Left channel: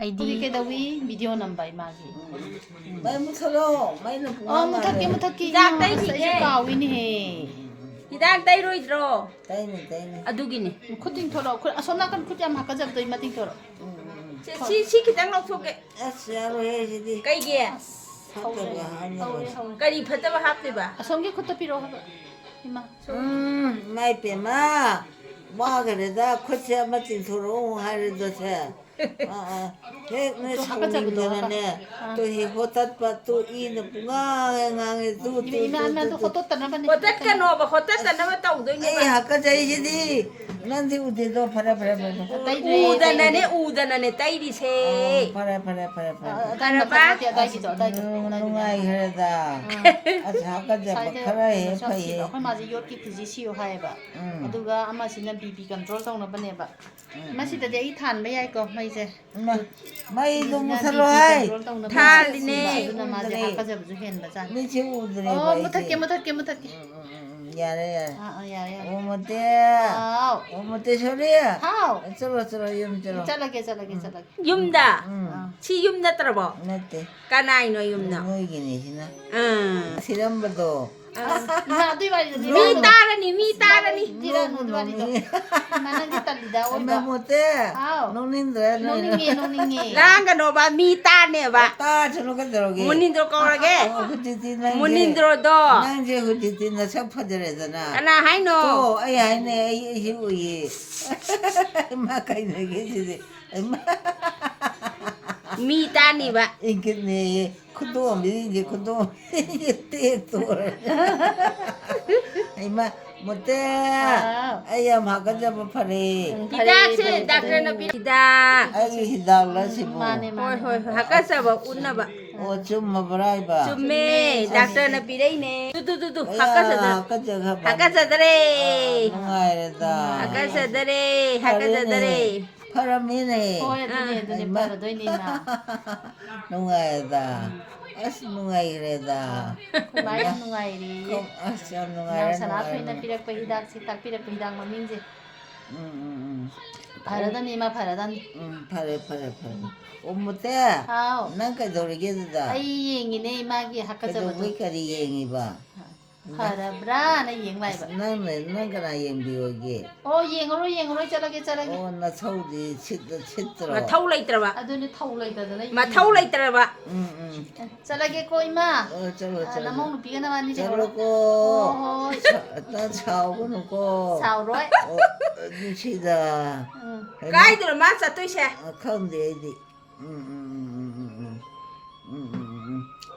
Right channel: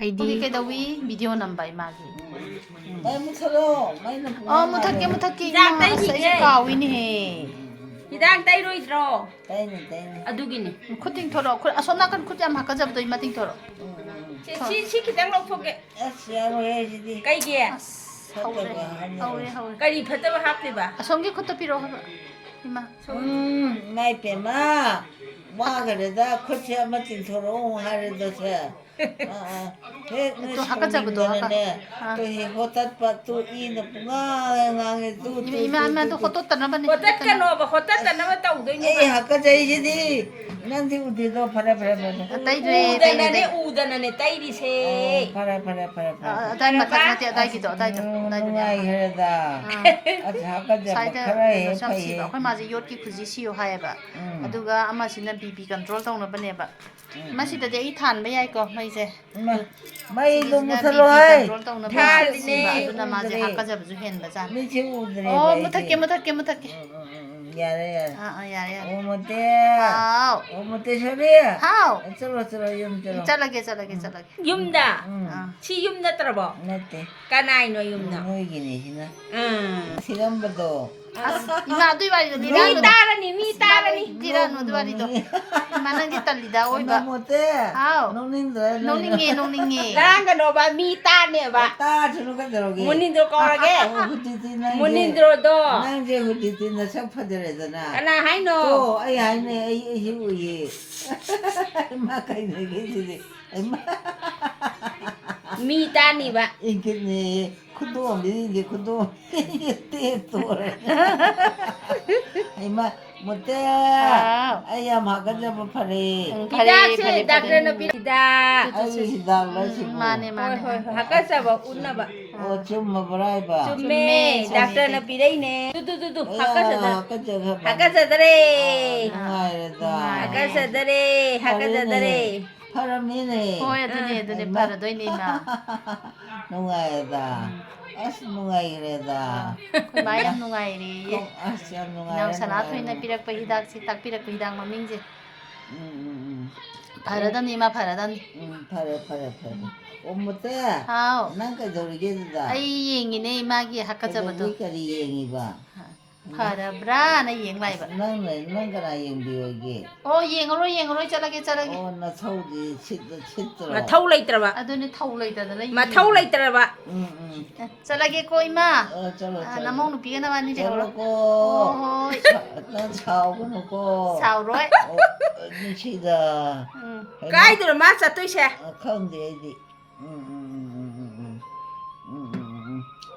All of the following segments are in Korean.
아이디 그다위 비디오 넘버 마기 많이 못하러 많이 무탁게 이제 가위니 Hidang tay roidro. 따이네 Adugini. 쿠팅 털어 손나간 쿠장 하까잡도 이마팅 털어 Si kitang lopsoke. 아시아로 해야지 Kay giya. 하우레 Kali pataba hapte ba? 손게 쿠터 필요 하바 이마 마이 빼마 뭐 그래다 코치 한번 띵토로 하려도 돼 또 하까잡도 하까 또 호탓바 또 이는 뿡앙앙에 또 이마도 호토 떠나바네 Kotat ka no ba? Kotat ka na ba tao doon 에이 하까자이시디 난디 우디도 파라 Uda na ne tay di se. 파라 다이 마타마티 다이기도 다이도 누가이 그래다 아주 하까자 사이드 파라에 샤시가 파이 거의 맞아 요티 구지시요 하여봐 아두가 아마시는 비비 컨트롤 동나바네바 마시다데 이 탄바 야이거 마이제 마이도 못하러 하이 아두나 마제 하까자부주 헨바자 미치 우드레 못할게 야래 야야 오모테 아우 오모테 소리야 하우 저러 좀 저러 잘라게 Yumda. 응 Si yumda trabo. 맞대 Kanay no yumda. 뭐이기네 시나 시련부도 이마 두이바리도 Mi tara ni. 디라노 두바리도 이마는 기탈리다 오이바 못해 아우 농민들 농닝이 Lang ka no ba? Mi ta ne ba? 따 주는 거 들어오게 Munindro ka orage. 그티티나 Munindro do. 난제 그티티나 sak파들에잖아 Kana hay no. 또 아이 아이네 아이 희우이 마카이네 게지지 Mi ta ni ba? 인기네 kudo 미리 kudo 때또 아이마 못해 아야 마가자 파리 Hida se doctor na pida. 아이 히달라 시고 마네 Hoy hakasa ba unna ba? 좀 먹어라이봐 Chumme doctor na pida ne. Tu hakasa da. 가자 Hakasa dare. 아이다 Hakasa dare. 파라미네 오야드네 바라도 이니마 농아이다 아스 농아이래다 마야 누가이리 아스 양 농아이래 사나토이나 피락pa hidaksi tak pirakpa hidak mamingje 바라단 이마 바라단 파래 오무때 하우 난까 저리게다 아이 잉이네 이마기 하카자바도 그까지 얘기봐 바라브라 나 잉바이바 나는 그나 얘기하게 잉으로 잘하게 나 서울이 칫더라 Ma thau lai tra ba? 아도네 타올라이다다 Ma thau lai tra ba? 잘하게 거 이마 저러 나몽 비가 나왔니 저러고 나 차오고 놓고 사우로이 미치다 Kai dro ma sa tu se. 컨데디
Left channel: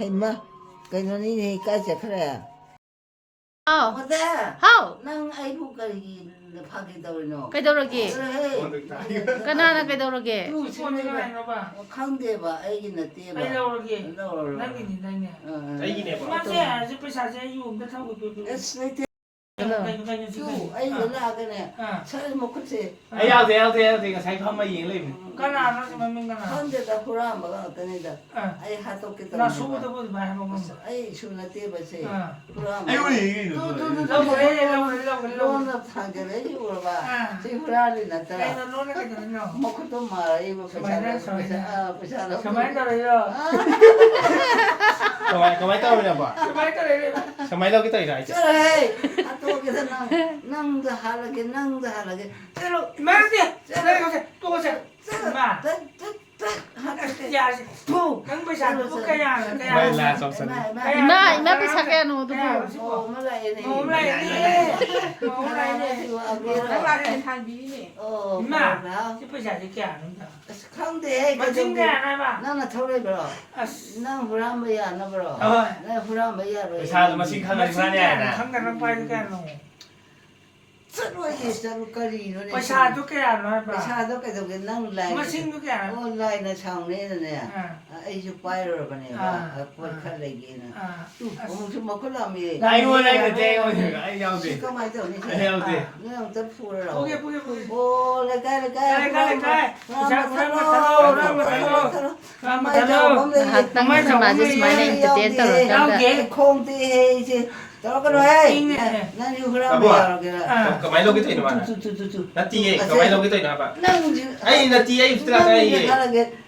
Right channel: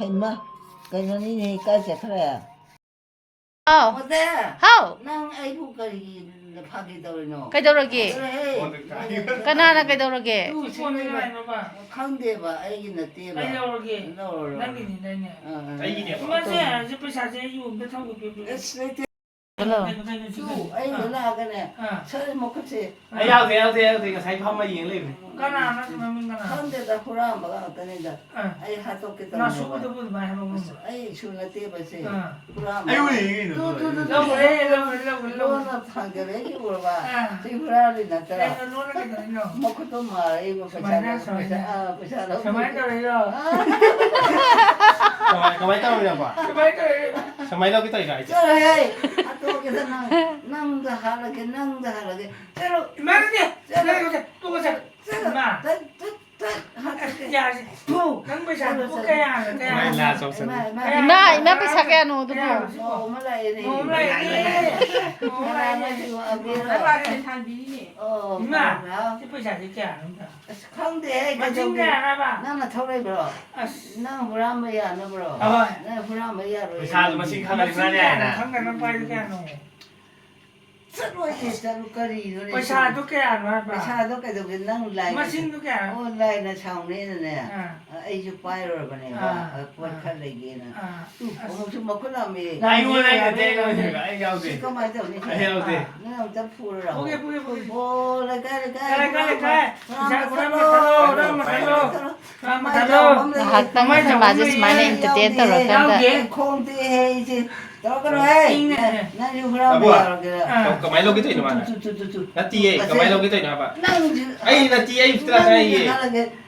했나 그녀니 까지 그래 하우 어때 하우 난 아이부까지 파기 더리노 그이도록이 그래 까나나 그이도록이 컨데 봐 애기는 떼봐 애기 나가네 서리 먹겠지 哎ရောက်တယ်ကဆိုင်ဖောက်မရင်လိမ့်မယ် 컨데다 후라 먹어 어떠니다 아이 하토끼 나 수고도 보지 마 아이 수나 떼봐세 후라 너는 판결해 주고 봐 지금 후라를 났더라 먹고도 마 이거 부자라 ကမိုင်းတော့ရပါကမိုင်းတော့ကိတရကြ 저래 하토끼서 낭도 하라게 저로 이마 비사게 노도 나는 토래 불어. 난 후라마야 너 불어. 나 후라마야로. ပစားမရှိခါနေမှန်းရတာ 서로의 서로까지 पैसा तो क्या है पैसा도 계속 난 라이. मशीन तो क्या है 온라인에 상내네. 아이주 파이로 보내봐. 포칼 얘기는. 무슨 먹고 나면 နိုင်ဝင်လိုက်တဲ့ရောက်တယ်အဲ့ရောက်တယ် 시커 많이 되네. အဲ့ရောက်တယ် 너는 좀 풀어라. 보게 오, 내가 학당에서 맞을 만에 인터넷 들어간다 콩대 이제 저거로 해. 난 이거 후라마야 그래. ကမိုင်းတော့ကိတရမှာ 투투투투. လက်တီးရဲ့ကမိုင်းတော့ကိတရမှာပါ 난 အဲ့လက်တီးအဲ့တရာအဲ့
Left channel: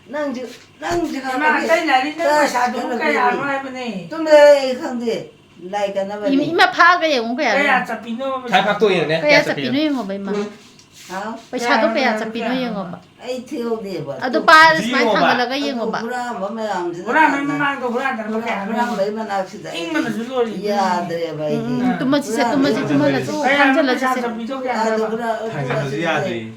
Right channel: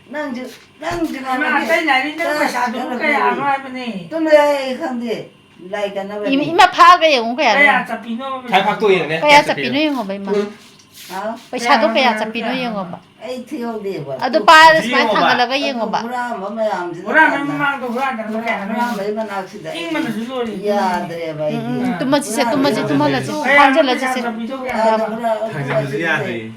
난 지금 이마 아까 날이 내 사도 그야 안 와버니. 좀 내 kan데 라이가 나 봐. 이마 파가 영어 그야 그야 잡히노. 잘 박도 있네. 그야 잡히노 영어 봐 이마 아, पैसा도 그야 잡히노 영어 봐 ai thiếu đi bà. 아도 빠르 스마이 당가라가 영어 봐 Hura mà mày làm gì? Hura memang hura dan kaya. Hura lấy mà nào xí đấy. Ingman dulu ni. Ya, deh baik. 뚜마지 세 뚜마지 뚜마라지 환절라지 세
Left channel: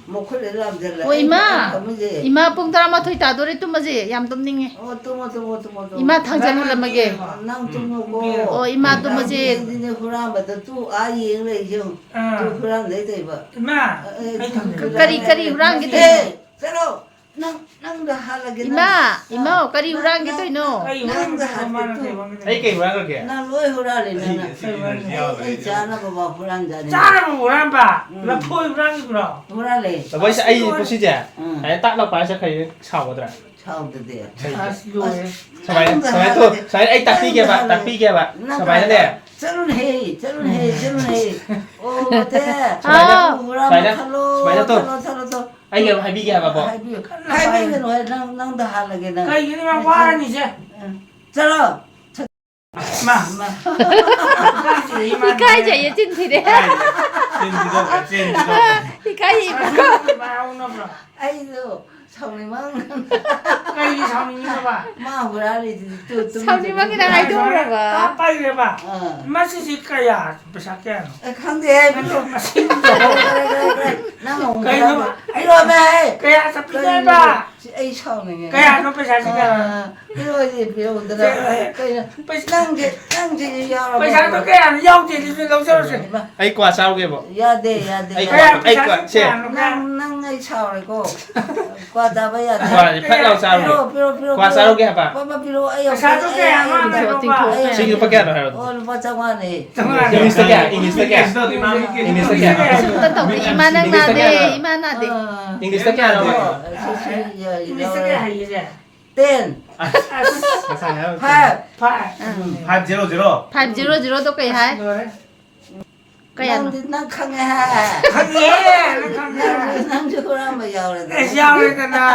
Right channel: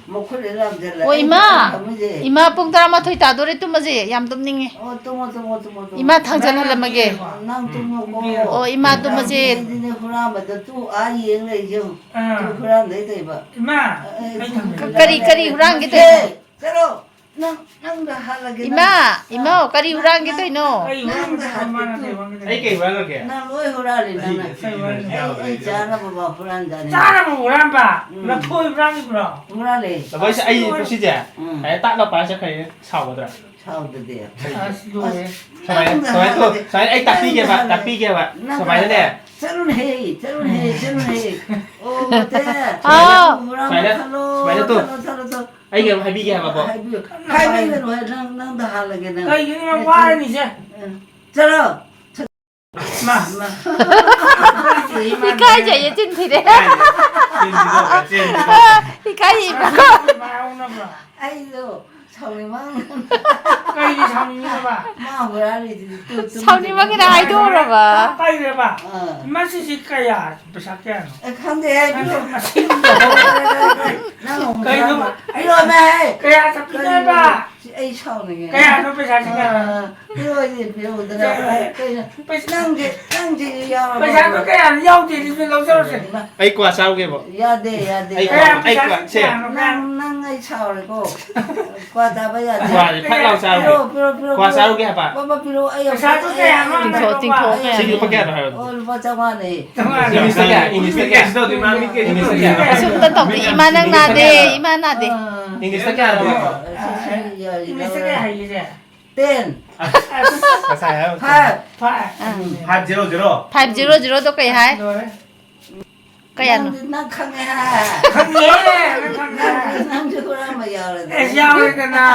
Một khối để làm gì lại? 오 이마 이마 뽕따라 마토이 따도래 뚜마지 얌 똠닝해 Tunggu. 이마 당전하려마게 Nang tunggu. 어 이마 뚜마지 Hura mà tu ai yên này chứ? Tu hura lấy đây bà. Ima. 까리 후랑게 돼 Ê, Pero, nang dah hal lagi. 이마 까리 후랑게 돼 너. Ay, orang dah mana ni? Ay, kay wala kaya. Nang loi hura ni nang. Ay, cara bawa pulang jadi. Cara mo orang ba? Lapoi orang ni bro. Hura le. Sabay sa ay ito si Jia. Ay, tak na pa siya kayo sawa doon. Sao được đi? Asli. Sabay to. Sabay ay tapi kaya ba? Sabay na de. Chalun hey. Oh, te. Hura hello. Ay, ngayon habi kaya ba po? Hai bên rồi nang dah hal lagi nang. Kay ini mang war ni je. Chalo. Ma. 이카이 제 찐티래 이카이 Mau na bro. Ai do. Sao ni mang. Kay ni sang ni ba? Ma hura ni tu. 사우님왕이랑 아이돌아 봐 Pai le ba? Ah. Masih si kaya besaknya. Không thể ai biết được. Masih. Nó không Cái nó mà- ấy rồi mày. Kaya tapi ni ba? Ấy sao này nghe. Kaya no besaknya. Cái rồi gì biết được đây. Cái năng gì ya mà. Besaknya kaya yang di sini lo terus. Ay, kwa sawa kaya po. Ya de. Kaya Ay, kwa, siya. Năng ấy sao này cô. Qua ta bây giờ. Kwa, di pat law sawa kaya. Kwa sawa kaya ba? Ba pilo ấy. Besaknya kaya mana? Sige pa kaya doon. Oh, ba chama này. Tengah. Inis na kaya. Inis na kaya. sultan tong 이마낭 나대 이마 나대 Inis na kaya doon. Ini sekali hari je. Tên. Masaya. Hai. Pai. 500. 500도 그야 할 그야 너 Năng khăng ha. Khang ye, khang ye. Năng chưa có ra mà giàu rồi. Eh, yau ni kena.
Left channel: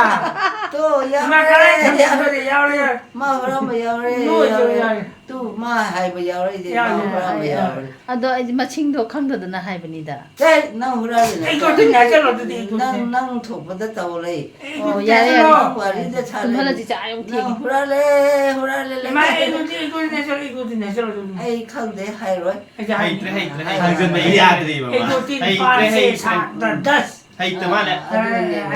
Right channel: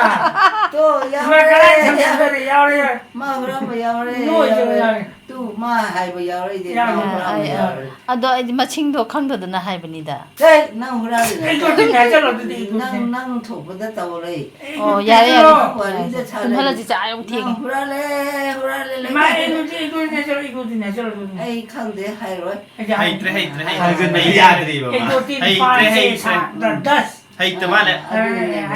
Tu giàu Makanan rồi. sampai yau ni. Ma ra mà giàu rồi. Nuôi cho yau ni. Tu ma hai mà giàu rồi thì Giàu ma rồi. ra mà giàu rồi. 아도 마칭도 강도드나 하이브니다 Thế năng hura rồi. Ikut tu ni aja lo tu di ikut. Năng thuộc vào đất tàu rồi. 어 야래 Quả đi cho cha 좀 lên. 할라지 짜용 Năng 팅 hura lên. Ma ikut ni aja lo ikut ni aja lo tu. Ai khăng thế hay rồi. Hay tre. Hay ya di ba? Ikut ni Hay pai tre. dan das. Hay te mana?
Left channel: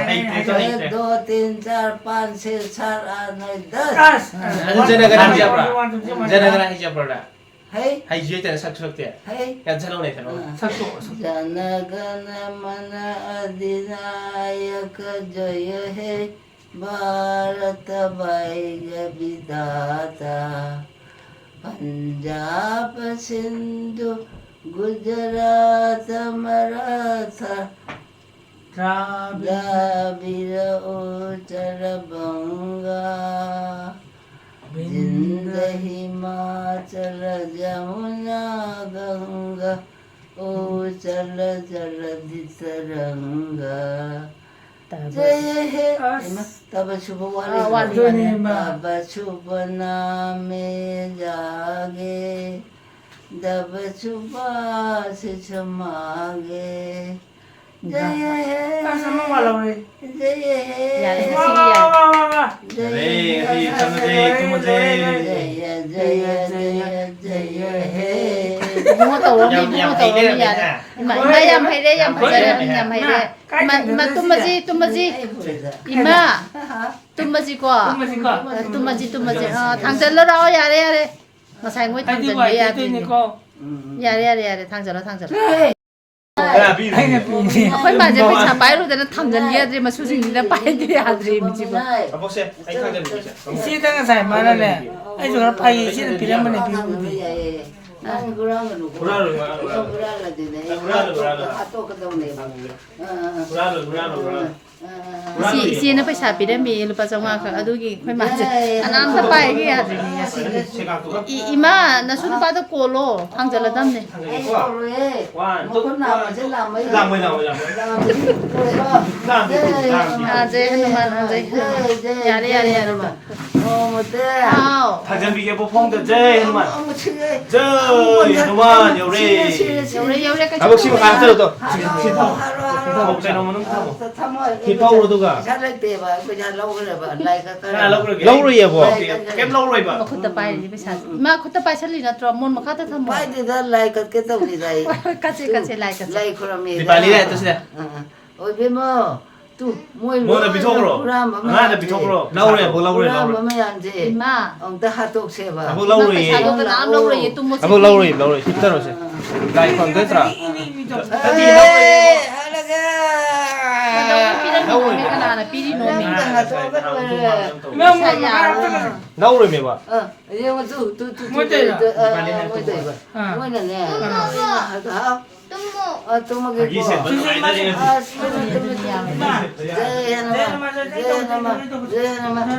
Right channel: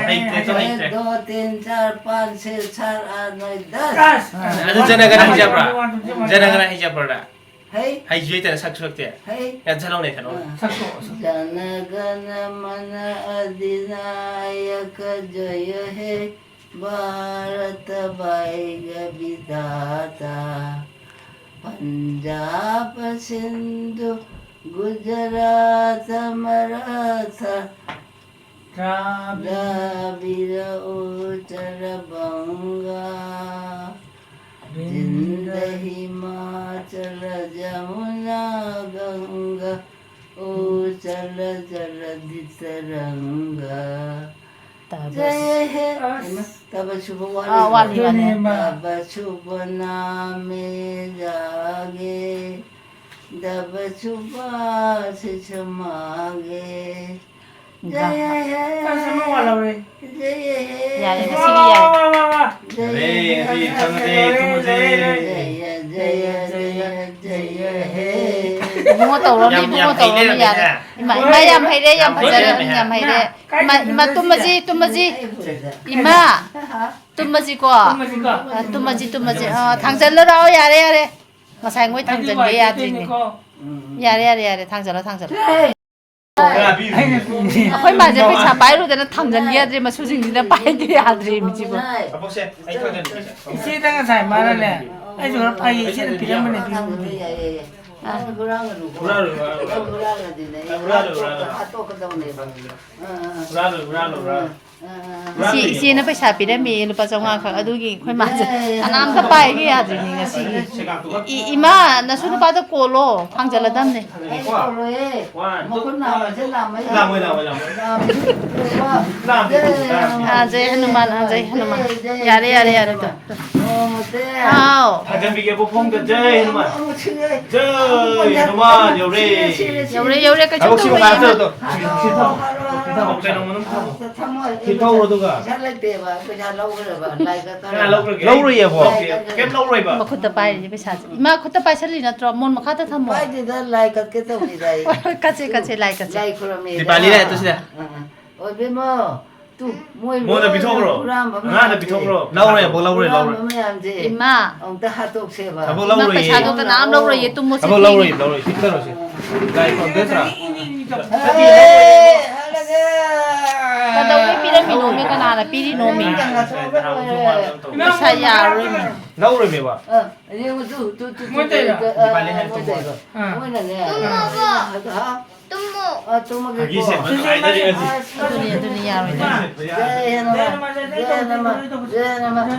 Hay tre. 1 2 3 4 5 6 7 8 9 10. Das. Ano janagana hijab ra? Janagana hijab ra. Hey. Hay juy tan saksuak te. Hey. Yan salong ne kano. Satu. Janagana mana adinayaka jaya he Bharata Bhaiga Vidata Punjab Sindhu Gujarat Maratha Dravida Uttara Banga Jinda Himachala Jamuna Ganga Uchala Jaladhi Taranga Jaya He Taba Shubha Wali Taba Shubha Name Jage Taba Shubha Sichamage Jaya He Kan sama walau ni. Jaya He 야래 Wah, 시기 wah, 야래 wah, wah, wah. Jaya Jaya He 붕어 떠오르니 야래 이마 얌 하이래 얌 하자래 얌 하이래 이마 뚜마지 이마 뚜마지 과 Masih kau. 뚜마지 당절러라 야래 마사이 ngồi 당절 Tadi 왜 buat ini 야래 kau. 야래 당절러 Ini. 아코이 맞아 그 차바이로 되는 당절 야들이 수징이나 빠이들이 아들이 미지고 Apo siya? Ay tagan mo siya. Isi tangan saya mana ni? Eh jangan pai isi ni piram ni piram ni. Urado. 이씨는 पैसा 비례미 루파 정화가 아두기 ခွင့်맞아 아남다 빠이게 야드니 ngasi 이마 나수 루파도 꼴로 황절라담네 아제 하누만 아제 하누만 야래 아우 다전비게 보펑도 저이 이놈아 저이 이놈아 요래 그 가복 씨가 가서 또 먹게 놓으면 힙하고도 가. 잘할 때 봐. 그냥 lâu rồi bà lại cái lâu rồi à kem lâu rồi bà 마쿠타 빠이 पैसा 이마 쿠타 빠이 살리 나트로 mon 마카타 타모 Phải thì đó lại cái tàu gì đây. 같이 라이 같이 Lại 그럼 đi bà đi đây tôi xin ôi bên mơ tu môi 뭐 나 비통으로 나나 비통으로 lâu rồi à lâu rồi lâu rồi mới làm gì 이마 ông ta hát tục xe vào 가복 lâu rồi पैसा तो ना lâu rồi tu mo 가복 lâu rồi 기다려 오세요 가이 건 됐더라 đâu có piramid no me kana na piri no me saya lâu rồi mày bà nhưng mà tu mới đây mà mới là nè hả tum mà cái 이세 dunia Jai Hanuman, Jai Hanuman, Jai Hanuman.